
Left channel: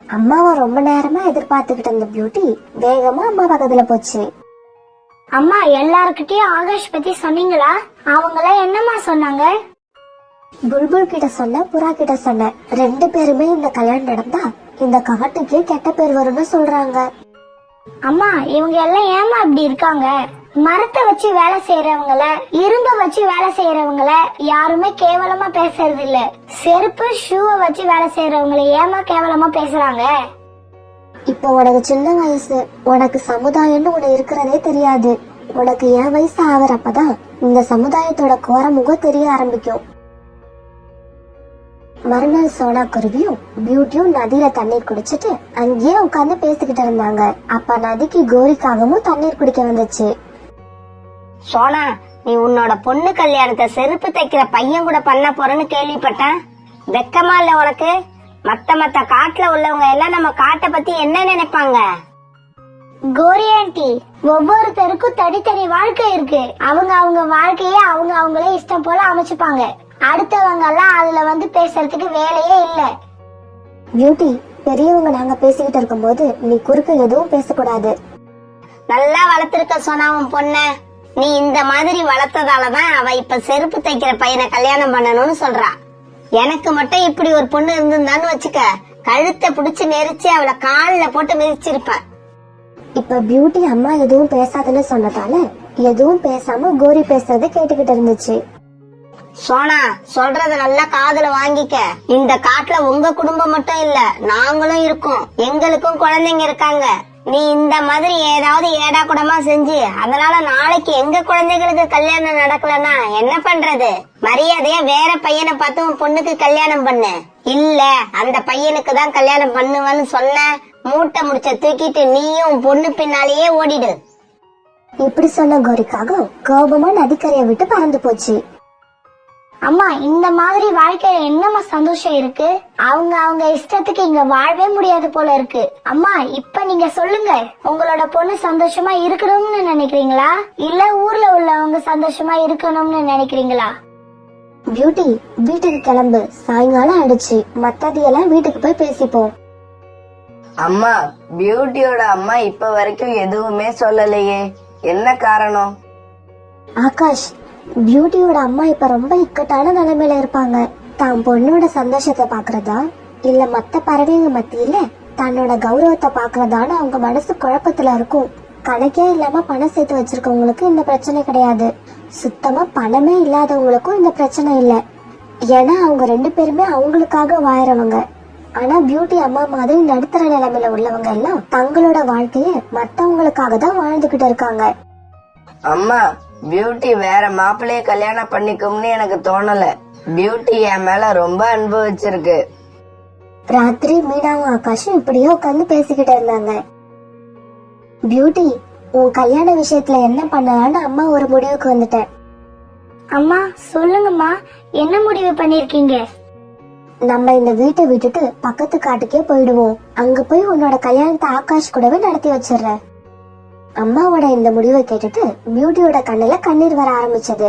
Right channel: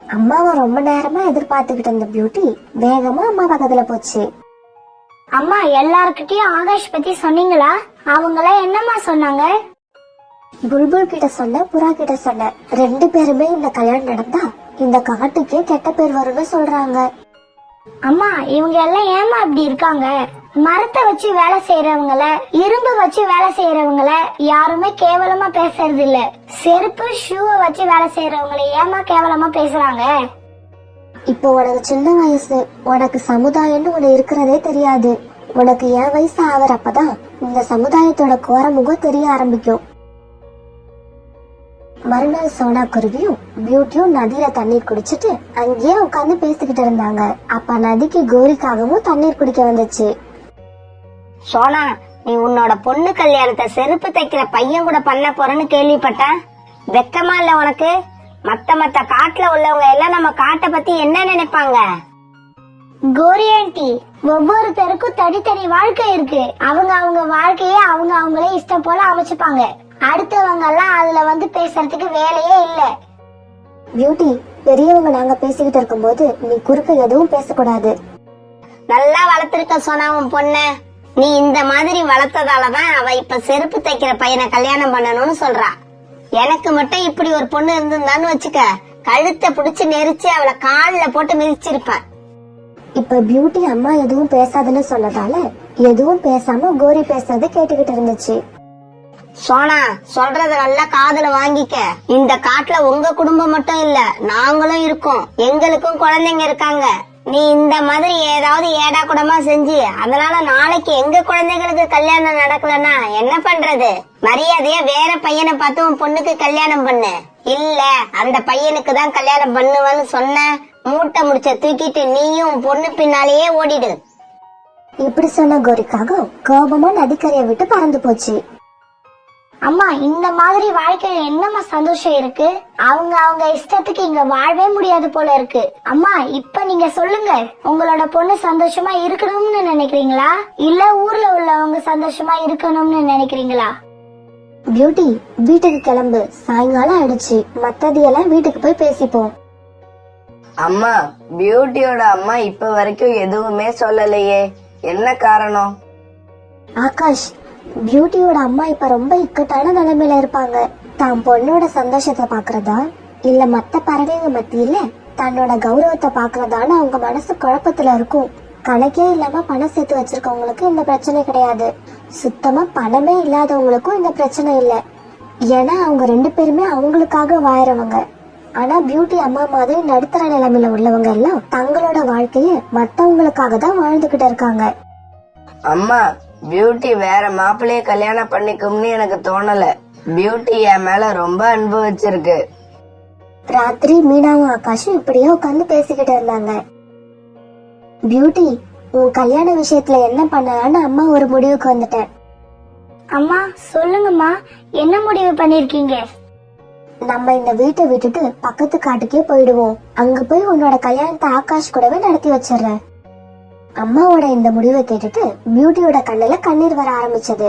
அம்மாவை ரொம்ப நேரமா எதிர்பார்த்துக்கிட்டு இருந்த பியூட்டி வேகமா அம்மா பக்கத்துல போச்சு. அம்மா, எல்லார்கிட்டயும் ஆகாஷ் பத்தி சொன்னீங்களா? அவங்களாம் என்னம்மா சொன்னாங்க? புல்புல் கிட்ட சொன்ன, புறா கிட்ட சொன்ன. 2 பேருமே இந்த கல்யாணம் நடந்தா இந்த காட்டுக்கே கெட்ட பேர் வரும்னு சொல்றாங்க. அம்மா, இவங்க எல்லாம் ஏமா இப்படி இருக்காங்க? மரத்தை வச்சு வேலை செய்யறவங்கள, இரும்பு வச்சு வேலை செய்யறவங்கள யாருமே கேவலமா பேசுறது இல்ல. செருப்பு ஷூவை வச்சு வேலை செய்யறவங்களை ஏமா கேவலமா பேசுறாங்க? இப்போ உனக்கு சின்ன வயசு, உனக்கு சமுதாயம்னு ஒண்ணு இருக்கிறதே தெரியாது. உனக்கு என் வயசு ஆவறப்பதான் இந்த சமுதாயத்தோட கோரமுகம் தெரிய ஆரம்பிக்கும். மறுநாள் சோனா குருவியும் பியூட்டியும் நதியில தண்ணீர் குடிச்சிட்டு அங்கேயே உட்கார்ந்து பேசிக்கிட்டு இருந்தாங்க. அப்ப நதிக்கு கோரிக்காகவும் தண்ணீர் குடிக்க வந்துச்சு. சோனா, நீ உன்னோட பொண்ணு கல்யாணத்தை செருப்பு தைக்கிற பையன் கூட பண்ண போறேன்னு கேள்விப்பட்டேன். வெக்கமா இல்ல உனக்கு? மத்த காட்டுல உள்ளவங்க எல்லாம் நம்ம காட்டை பத்தி என்ன நினைப்பாங்க? கோரி ஆண்டி, ஒவ்வொருத்தருக்கும் தனித்தனி வாழ்க்கை இருக்கு. அவங்க வாழ்க்கைய அவங்களே இஷ்டம் போல அமைச்சுப்பாங்க. அடுத்தவங்க எல்லாம் அதுல வந்து பேசுறதுக்கு வேலையே இல்ல. பியூட்டி, பெரியவங்க நாங்க பேசிக்கிட்டு இருக்கும் போது நீ குறுக்கு எதுவும் பேசக்கூடாது. நல்லா வளர்த்திருக்க சோனா உன் பொண்ண. நீ இந்த மாதிரி வளர்த்ததாலதான் அவ இப்ப செருப்பு தைக்கிற பையனை கல்யாணம் பண்ணணும்னு சொல்றா. எனக்கு மட்டும் இப்படி ஒரு பொண்ணு இருந்திருந்தான்னு வச்சுக்க, கழுத்தை பிடிச்சு நெரிச்சு அவளை கால்ல போட்டு மிதிச்சிருப்பேன். இப்ப பியூட்டி அம்மா எதுவும் பேசாதுன்னு சொன்னதால எதுவும் பேசாம கோரி பேசுறத கேட்டுக்கிட்டு இருந்துச்சு. சோனா, சொல்றத நல்லா காதுல வாங்கிக்க. இந்த காட்டுல உங்க குடும்பம் மட்டும் இல்ல, நாங்களும் இருக்கோம். எங்களுக்கும் குழந்தைங்க இருக்காங்க. நீ இந்த மாதிரி ஏதாவது ஏடா கூடமா செஞ்சு அதனால நாளைக்கு எங்க குழந்தைகளுக்கு கல்யாணம் நடக்கலன்னா என்ன பண்றது? மரியாதையா வேற பையனை பார்த்து உன் பொண்ணுக்கு கல்யாணம் பண்ணு. இல்ல அந்த பையனுக்கு தான் கல்யாணம் பண்ணுவேன்னு சொன்ன, மூட்டை முடிச்ச தூக்கிட்டு நீயும் உன் பொண்ணு பின்னாலேயே ஓடிடு. இப்படி சொன்ன கோரிக்காக கோபமா நதிக்கரையை விட்டு பறந்து போச்சு. அம்மா, இந்த மாதிரி வாழ்க்கையில என்னம்மா சந்தோஷம் இருக்கு? அவங்க இஷ்டத்துக்கு இங்க வாழவே முடியாது போல இருக்கு. அம்மா, இப்ப நீங்க சொல்லுங்க, உங்களோட பொண்ணு சந்தோஷமா இருக்கணும்னு நினைக்கிறீங்களா, இல்ல ஊர்ல உள்ளவங்க சந்தோஷமா இருக்கணும்னு நினைக்கிறீங்களா? பியூட்டி, வீட்டுக்கு கிளம்பு, சாயங்காலம் ஆயிடுச்சு. மத்ததையெல்லாம் வீட்டுக்கு போய் பேசிப்போம். அம்மா, பியூட்டியோட அம்மா இப்ப வரைக்கும் எதுவுமே சொல்லலையே, என்ன காரணம்? ஆகாஷ், பியூட்டியோட அம்மா இப்ப ரொம்ப இக்கட்டான நிலைமையில இருப்பாங்க. தான் பொண்ணோட சந்தோஷத்தை பாக்குறதா இல்ல மத்த பறவைங்க மத்தியில தன்னோட கௌரவத்தை பாக்குறதான்னு அவங்க மனசு குழப்பத்துல இருக்கும். கணக்கே இல்லாம பணம் சேர்த்து வச்சிருக்கவங்களுக்கு இந்த பிரச்சனை கிடையாது. சுத்தமா பணமே இல்லாதவங்களுக்கும் இந்த பிரச்சனை இல்ல. ஏன்னா அவங்க 2 பேருமே அவங்களுக்காக வாழறவங்க. ஆனா பியூட்டி அம்மா மாதிரி நடுத்தர நிலைமையில உள்ளவங்க எல்லாம் தங்களோட வாழ்க்கைய மத்தவங்களுக்காக தான் வாழ்ந்துகிட்டு இருக்காங்க. அம்மா, பியூட்டி வேற மாப்பிள்ளைய கல்யாணம் பண்ணிக்கும்னு எனக்கு தோணல. பியூட்டி என் மேல ரொம்ப அனுபவிச்சிருக்கு. ராத்திரி மீனாவும் ஆகாஷும் இப்படியே உட்காந்து பேசிக்கிட்டு இருந்தாங்க. பியூட்டி, உன் கல்யாண விஷயத்துல என்ன பண்ணலான்னு அம்மா ஒரு முடிவுக்கு வந்துட்டேன். அம்மா, சொல்லுங்கம்மா, என்ன முடிவு பண்ணிருக்கீங்க? நம்ம இந்த வீட்டை விட்டுட்டு பக்கத்து காட்டுக்கே போயிடுவோம். அங்க போய் உன்னோட கல்யாணத்தை ஆகாஷ் கூடவே நடத்தி வச்சிடறேன். அம்மாவோட இந்த முடிவை கேட்டுட்டு பியூட்டியோட கண்ணுல கண்ணீர் வர ஆரம்பிச்சது.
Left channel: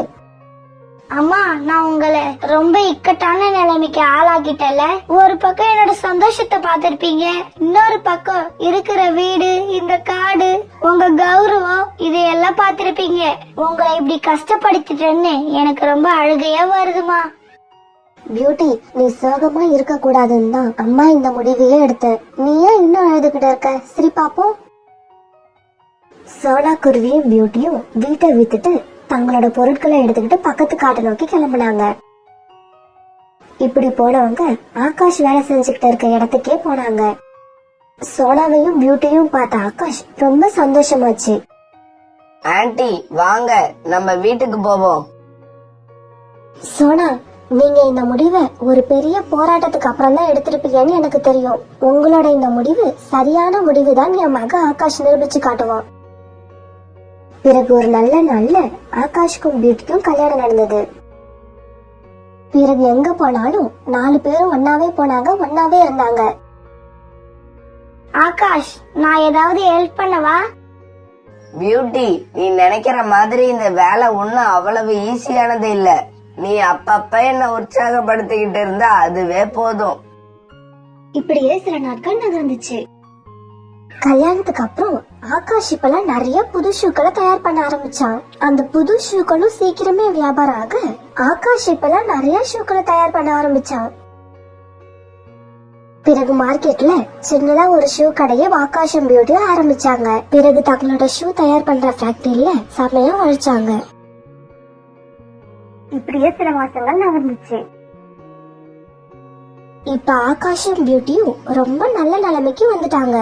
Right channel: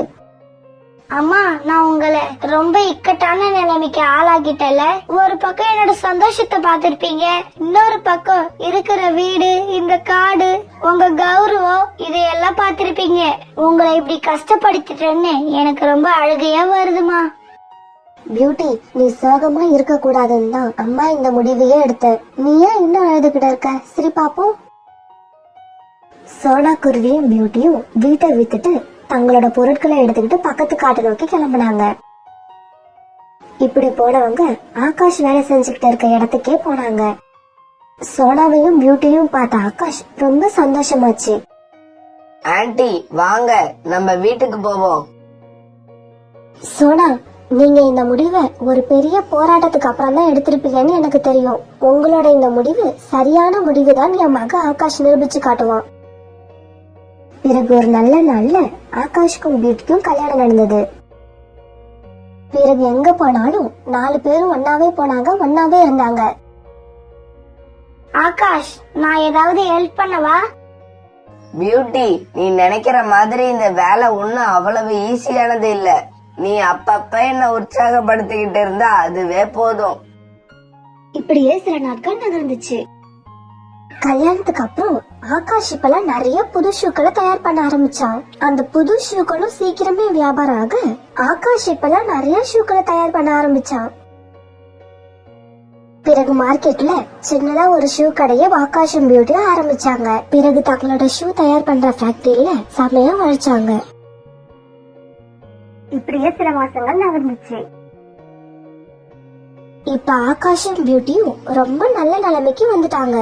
அம்மா, நான் உங்களை ரொம்ப இக்கட்டான நிலைமைக்கு ஆளாக்கிட்டல. ஒரு பக்கம் என்னோட சந்தோஷத்தை பாத்திருப்பீங்க, இன்னொரு பக்கம் இருக்கிற வீடு, இந்த காடு, உங்க கௌரவம், இதையெல்லாம் பாத்திருப்பீங்க. உங்களை இப்படி கஷ்டப்படுத்திட்டேன்னு எனக்கு ரொம்ப அழுகையா வருதுமா. பியூட்டி, நீ சோகமா இருக்க கூடாதுன்னு தான் அம்மா இந்த முடிவையே எடுத்த. நீ ஏன் இன்னும் அழுதுகிட்ட இருக்க? சரி பாப்போம். சோனா குருவியும் பியூட்டியும் வீட்டை வித்துட்டு தங்களோட பொருட்களை எடுத்துக்கிட்டு பக்கத்து காட்டை நோக்கி கிளம்பினாங்க. இப்படி போனவங்க ஆகாஷ் வேலை செஞ்சுக்கிட்டு இருக்க இடத்துக்கே போனாங்க. சோனாவையும் பியூட்டியும் பார்த்த ஆகாஷ் ரொம்ப சந்தோஷமாச்சு. ஆன்ட்டி, வாங்க நம்ம வீட்டுக்கு போவோம். சோனா, நீங்க இந்த முடிவை ஒரு பெரிய போராட்டத்துக்கு அப்புறம் தான் எடுத்திருப்பீங்கன்னு எனக்கு தெரியும். உங்களோட இந்த முடிவு சரியான முடிவுதான் என் மக ஆகாஷ் நிரூபிச்சு காட்டுவான். பிறகு ஒரு நல்ல நாள்ல ஆகாஷ்க்கும் பியூட்டிக்கும் கல்யாணம் நடந்தது. பிறகு எங்க போனாலும் 4 பேரும் ஒன்னாவே போனாங்க, ஒன்னாவே இருந்தாங்க. ஆகாஷ், நான் ஏதாவது ஹெல்ப் பண்ணவா? பியூட்டி, நீ நினைக்கிற மாதிரி இந்த வேலை ஒண்ணும் அவ்வளவு ஈஸியானது இல்ல. நீ அப்பப்ப என்ன உற்சாகப்படுத்திக்கிட்டு இருந்தா அதுவே போதும். இப்படியே சில நாட்கள் நகர்ந்துச்சு. கல்யாணத்துக்கு அப்புறம் ஆகாஷ் இப்பெல்லாம் நிறைய புது ஷூக்களை தயார் பண்ண ஆரம்பிச்சான். அந்த புது ஷூக்களும் சீக்கிரமே வியாபாரம் ஆக ஆகாஷ் இப்பெல்லாம் நிறைய ஷூக்களை தயார் பண்ண ஆரம்பிச்சான். பிறகு மார்க்கெட்ல சின்னதா ஒரு ஷூ கடையை ஆகாஷும் பியூட்டியும் ஆரம்பிச்சாங்க. பிறகு தங்களோட ஷூ தயார் பண்ற ஃபேக்டரியில செமையா உழைச்சாங்க. இப்படியே சில மாசங்கள் நகர்ந்துச்சு. இப்ப ஆகாஷும் பியூட்டியும் ரொம்ப நல்ல நிலைமைக்கு வந்துட்டாங்க.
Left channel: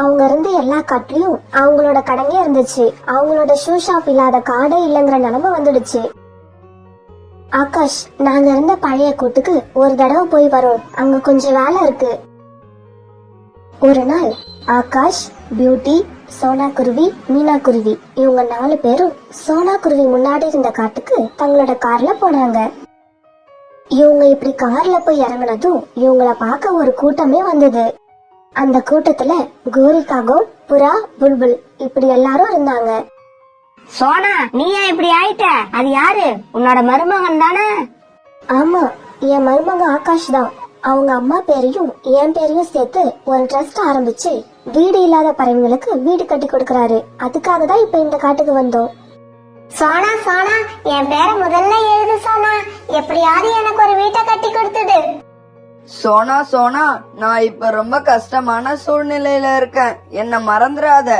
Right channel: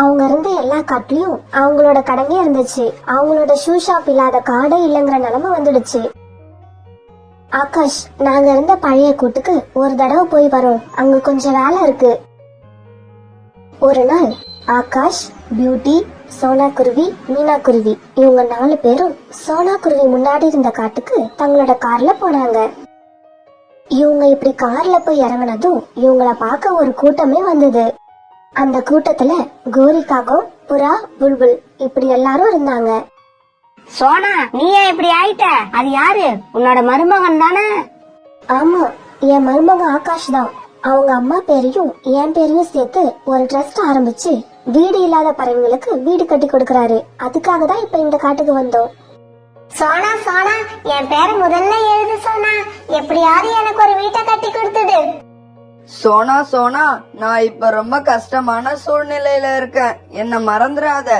அவங்க இருந்த எல்லா காட்டுலயும் அவங்களோட கடையே இருந்துச்சு. அவங்களோட ஷூ ஷாப் இல்லாத காடே இல்லங்கிற நிலைமை வந்துடுச்சு. ஆகாஷ், நாங்க இருந்த பழைய கூட்டுக்கு ஒரு தடவை போய் வரோம், அங்க கொஞ்சம் வேலை இருக்கு. ஒரு நாள் ஆகாஷ், பியூட்டி, சோனா குருவி, மீனா குருவி இவங்க 4 பேரும் சோனா குருவி முன்னாடி இருந்த காட்டுக்கு தங்களோட கார்ல போனாங்க. இவங்க இப்படி கார்ல போய் இறங்கினதும் இவங்கள பார்க்க ஒரு கூட்டமே வந்தது. அந்த கூட்டத்துல கோரிக்காகோ, புறா, புல்புல் இப்படி எல்லாரும் இருந்தாங்க. சோனா, நீ ஏன் இப்படி ஆயிட்ட? அது யாரு? உன்னோட மருமகன் தானே? ஆமா, என் மருமகன் ஆகாஷ் தான். அவங்க அம்மா பேரையும் என் பேரையும் சேர்த்து ஒரு ட்ரஸ்ட் ஆரம்பிச்சு வீடு இல்லாத பறவைகளுக்கு வீடு கட்டி கொடுக்கறாரு. அதுக்காக தான் இப்ப இந்த காட்டுக்கு வந்தோம். சோனா, சோனா, என் பேரை முதல்ல எழுது சோனா. எப்படியாவது எனக்கு ஒரு வீட்டை கட்டி கொடுத்துடு. சோனா, சோனா, நான் இப்ப ரொம்ப கஷ்டமான சூழ்நிலையில இருக்கேன், என்ன மறந்துடாத.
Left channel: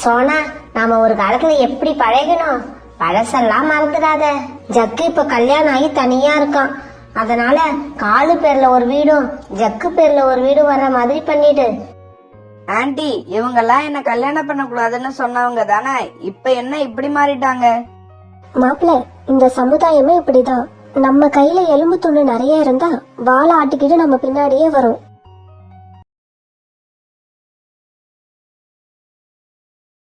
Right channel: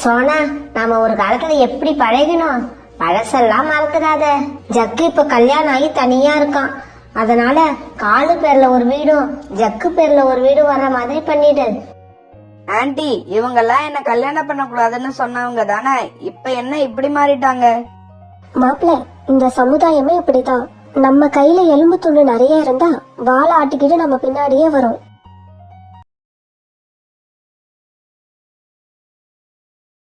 சோனா, நாம ஒரு காலத்துல எப்படி பழகினோம்? பழசெல்லாம் மறந்துடாத. ஜக்கு இப்ப கல்யாணம் ஆகி தனியா இருக்கான். அதனால காலு பேர்ல ஒரு வீடும் ஜக்கு பேர்ல ஒரு வீடும் வர்ற மாதிரி பண்ணிடு. ஆன்ட்டி, இவங்கெல்லாம் என்ன கல்யாணம் பண்ண கூடாதுன்னு சொன்னவங்க தானே, இப்ப என்ன இப்படி மாறிட்டாங்க? மாப்பிள்ள, இந்த சமுதாயமே இப்படிதான். நம்ம கையில எலும்பு துண்டு நிறைய இருந்தா வாழை ஆட்டிக்கிட்டு நம்ம பின்னாடியே வரும்.